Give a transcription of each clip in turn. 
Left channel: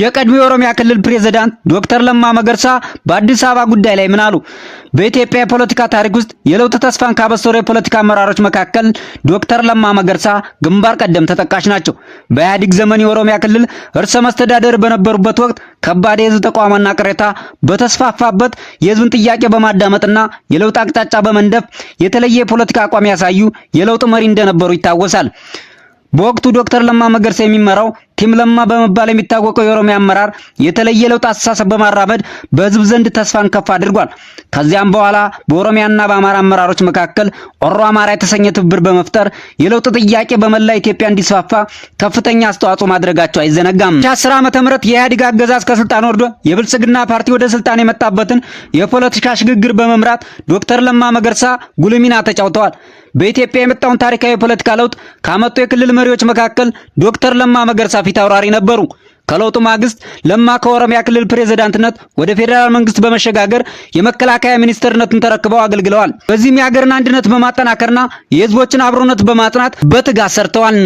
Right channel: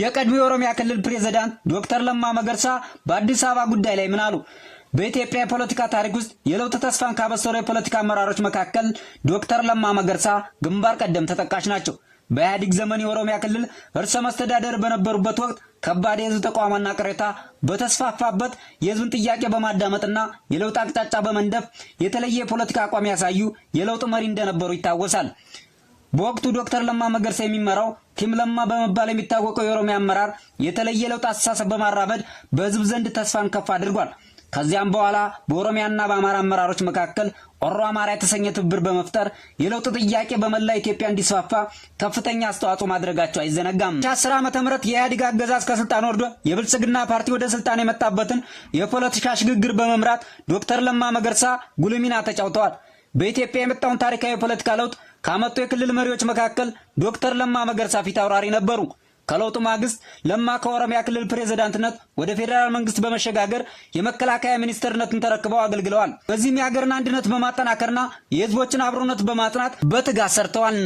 የቀድሞ የኦሮሚያ ክልል ፕሬዝዳንት ዶክተር ለማ መገርሳ በአዲስ አበባ ጉዳይ ላይ ምን አሉ? በኢትዮጵያ የፖለቲካ ታሪክ ውስጥ የለውጥ ተስፋን ካበሰሩ የፖለቲካ አመራሮች መካከል ዶክተር ለማ መገርሳ ግንባር ቀደም ተጠቃሽ ናቸው። በኢህአዴግ ዘመን የኦሮሚያ ክልል ርዕሰ መስተዳድር በነበሩበት ወቅት ከባድ የህዝብ ተቃውሞና ቅሬታ በተስፋፋበት የህዝብን ጥያቄ በማዳመጥና የለውጥ አቅጣጫ በመንደፍ የተለየ የፖለቲካ አቋም ያሳዩ የለውጥ መሪ እንደነበሩ ይታወሳል። በወቅቱ ዶክተር ለማ መገርሳ የሚመራው ቲም ለማ በመባል የሚታወቀው የኦሮሚያ አመራር የተለየ ለውጥ አስተሳሰብ በማራመድ በህዝብ ዘንድ ተስፋን ከፍ አድርጓል። ከዚያም በኋላ በኦሮሚያና በአማራ አመራሮች መካከል ኦሮ አማራ የተሰኘ ትብብር በመፍጠር የለውጥ ጥያቄ በመላ ኢትዮጵያ እንዲስፋፋ ከፍተኛ አስተዋጽኦ ማድረጋቸው አይዘነጋም። 10 ዓመተ ምህረት የኢህአዴግ አገዛዝ ከስልጣን ወርዶ የብልጽግና ፓርቲ ወደ ስልጣን የመጣበትን የፖለቲካ ሽግግር በመምራት ዶክተር ለማ መገርሳ ጉልህ ሚና ተጫውተዋል። በኢትዮጵያ የመጣውን ታሪካዊ የፖለቲካ ለውጥ ካመጡ የክልል መሪዎች መካከል ዶክተር ለማ መገርሳ ፊት አውራሪ ነበሩ። ከለውጡ ማግስት ለማ ከኦሮሚያ ክልል ፕሬዝዳንትነት ወደ ፌደራል መንግስት በመሸጋገር የመከላከያ ሚኒስትርነትን ተረክበው አገልግለዋል። በዚህም የሀገርን አንድነት በማጠናከርና የህዝቦችን አብሮነት በማጽናት በትጋት ሰርተዋል።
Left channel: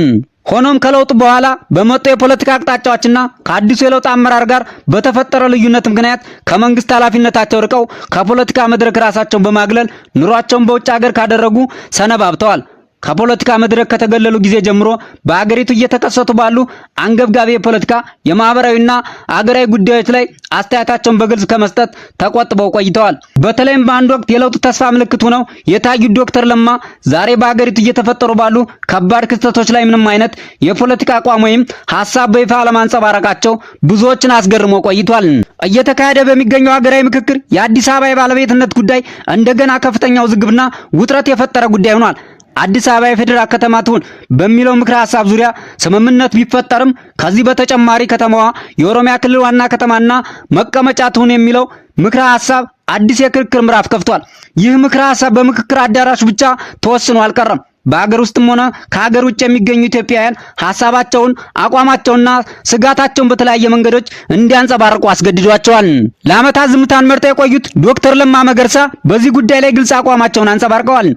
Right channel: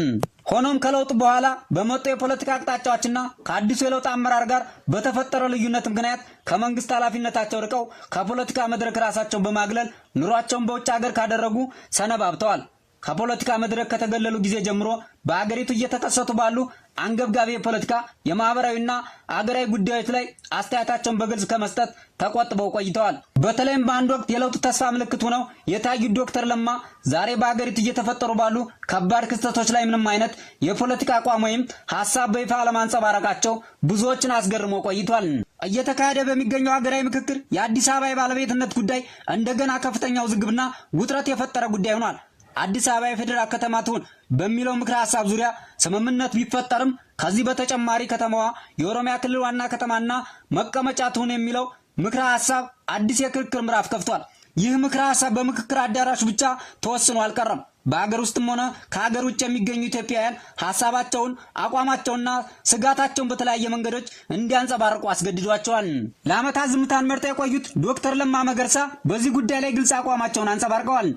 ሆኖም ከለውጡ በኋላ በመጡ የፖለቲካ አቅጣጫዎችና ከአዲሱ የለውጥ አመራር ጋር በተፈጠረ ልዩነት ምክንያት ከመንግስት ኃላፊነታቸው ርቀው ከፖለቲካ መድረክ ራሳቸውን በማግለል ኑሯቸውን በውጭ ሀገር ካደረጉ ሰነባብተዋል። ከፖለቲካ መድረክ ከተገለሉ ጊዜ ጀምሮ በአገሪቱ እየተከሰቱ ባሉ አንገብጋቢ የፖለቲካ የማህበራዊና አገራዊ ጉዳዮች ላይ አስተያየታቸውን በግልጽ ከመስጠት ተቆጥበው ቆይተዋል። በተለይም በአንድ ወቅት የለውጥ ተስፋ ምልክት ሆነው የታዩት ዶክተር ለማ ዛሬ በአገሪቱ እየተፈጠሩ ባሉ ከባድ ክስተቶች ላይ ምንም አይነት የፖለቲካ አቋም ወይም ሐሳብ በይፋ አለማንጸባረቃቸው ብዙዎችን አስገርሞ ቆይቷል። እየተካሄደ በሚገኘው ሀገራዊ ምክክር የአዲስ አበባ የባለቤትነት ጉዳይ እንደገና ከፍተኛ ውዝግብና ውጥረት የፈጠረ ጉዳይ ሆኗል። አዲስ አበባ የፌደራል ከተማ ትሁን በሚለው ምክረ ሐሳብ ዙሪያ ስምምነት ቢፈጠርም ከዚህ በተጨማሪ ከተማዋ የኦሮሚያ ክልል ዋና ከተማና መቀመጫ ትሁን የሚለው ምክረ ሐሳብ አዲስ የክርክር ምዕራፍ ከፍቷል። ይህ ምክረ ሐሳብ በምክክር አዳራሽ ብቻ ተወስኖ አልቀረም። በአገር ውስጥም ሆነ ከሀገር ውጭ የሚገኙ ኢትዮጵያውያን ሐሳባቸውን፣ አቋማቸውንና ስጋታቸውን በተለያየ መንገዶች እንዲያንጸባርቁ አስገድዷቸዋል። ለዓመታት ዝምታን መርጠው የቆዩት ዶክተር ለማ መገርሳ በዚህ ጉዳይ ላይ ግልጽ አቋማቸውን አንጸባርቀዋል።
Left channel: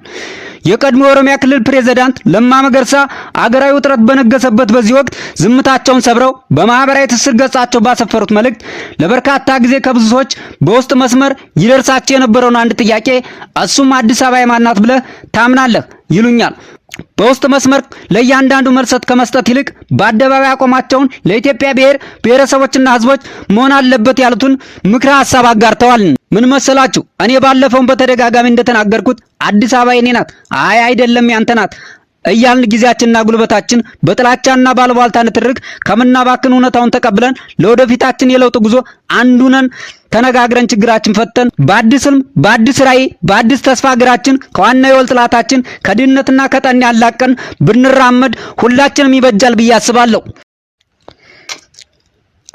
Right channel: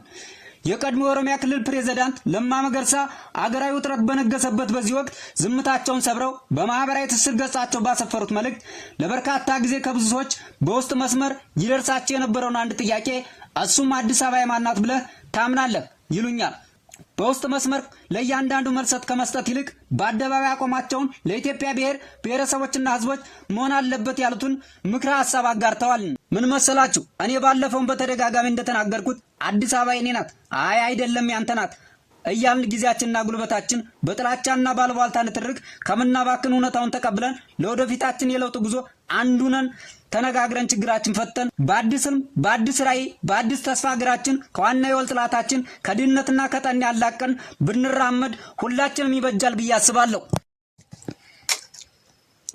የቀድሞ የኦሮሚያ ክልል ፕሬዝዳንት ለማ መገርሳ አገራዊ ውጥረት በነገሰበት በዚህ ወቅት ዝምታቸውን ሰብረው በማህበራዊ ትስስር ገጻቸው ባሰፈሩት መልእክት ለበርካታ ጊዜ ከብዙ ሰዎች በውስጥ መስመር ይደርሳቸው የነበረውን አንድ ጥያቄ እሱም አዲስ አበባ የማን ናት ብለህ ታምናለህ ይሉኛል። በውስጥ መስመር ለእያንዳንዱ መልሰት ከመስጠት ይልቅ በአደባባይ አቋማቸውን ለኢትዮጵያ ብሔረሰቦችና ህዝቦች መሆን አለበት ያሉትን ምክረ ሐሳብ አጋርተዋል። ምን መሰላችሁ? እኔ ባለፈውን በተደጋጋሚ እንደተናገርኩት አዲስ አበባ የኔ ናት፣ አይ አይደለም ያንተ ናት እያልን ጊዜያችንና ጉልበታችን በጥላቻና ባልባልታ ንትርክ ከምናባክን እውነታውን ተቀብለን ለወደፊታችን የለውጥ ጉዞ አንዱነን ተነጋግረን ችግራችን ፈተን በአዲስ ህልም፣ በአዲስ ራዕይ፣ በአዲስ ተስፋ ሀገራችን ከዋናው የወል ጥላታችን ከድህነትና ከጠኔ ያላቀን ብንራመድ ሁላችንም ይበጃል ብዬ አስባለሁ።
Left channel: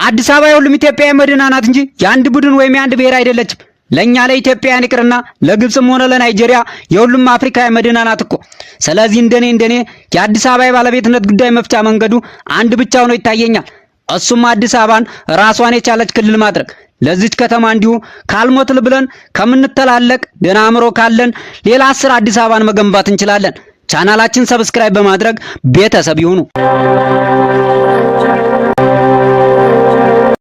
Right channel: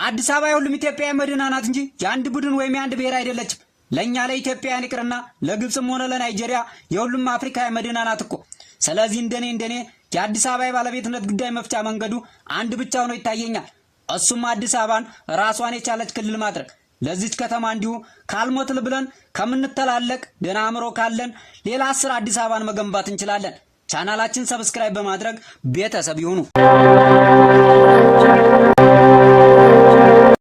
አዲስ አበባ የሁሉም ኢትዮጵያዊ መዲና ናት እንጂ የአንድ ቡድን ወይም የአንድ ብሔር አይደለችም። ለኛ ለኢትዮጵያውያን ይቅርና ለግብጽም ሆነ ለናይጄሪያ የሁሉም አፍሪካዊ መዲና ናት እኮ። ስለዚህ እንደኔ የአዲስ አበባ የባለቤትነት ጉዳይ መፍቻ መንገዱ አንድ ብቻ ሆኖ ይታየኛል። እሱም አዲስ አበባን ራሷን የቻለች ክልል ማድረግ። ለዚች ከተማ እንዲሁ ካልሞትል ብለን ከምንተላለቅ ደህና አእምሮ ካለን ሌላ 10 አዲስ አበባን መገንባት እንችላለን። ቻናላችን ሰብስክራይብ በማድረግ ቤተሰብ ይሁኑ።